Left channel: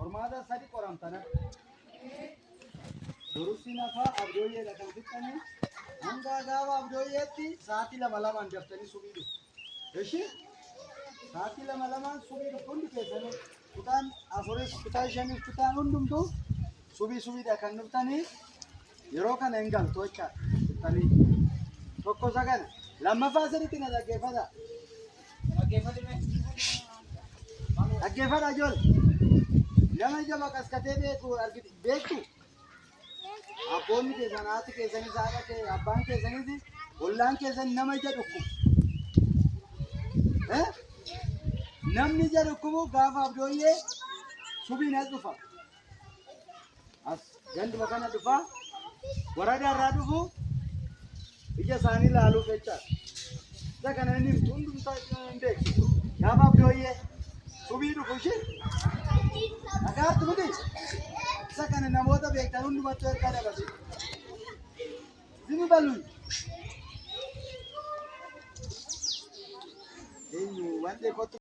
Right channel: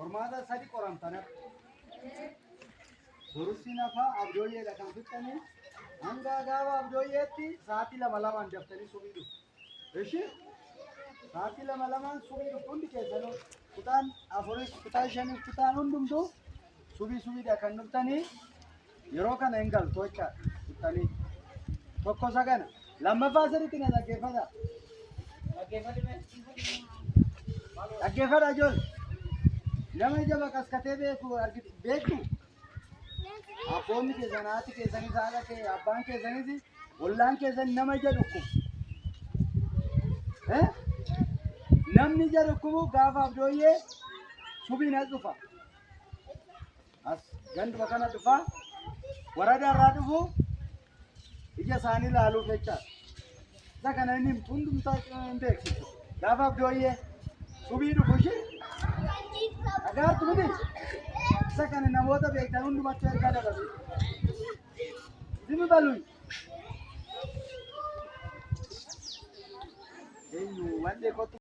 Hormaata sadi qoramtana. Durusi nafa abdooyyeedha kan fixxanii hanga gaafa abdooyyeetti sa'aatii lama daftanii subiidhu. Eshi sa'aatii lama subiidhu hundi keessanuu kutaan afuris kutaa shaniif kutaan hundumtuu subiidha kan dhuftanii yeroo kana hin galtu jecha fixxanii tokko sagana lammaffaa sadiitti na dhaggeeffata. Dhaggeeffata ijoollee nama ija maqaskatee beektu. Abboonni keessan haati keessanis haadha kee abbaan keessanis ollaan keessan nama ija dhukkubu. Namni ija dhukkubu gaafa abdooyyee subiin as dhufa. As ganduma kana dhufa warada irraa dhufu ija isaanii ilaaluuf jecha. Isa kana inni hundumtaa hin beeksisu. Gaafa abdooyyee subii dhufu ishee dhagaartu miti. Isa kana namoota beektan hundumatti ergaa dabarsu. Zimi baluun. Eenyu waan dheekotu.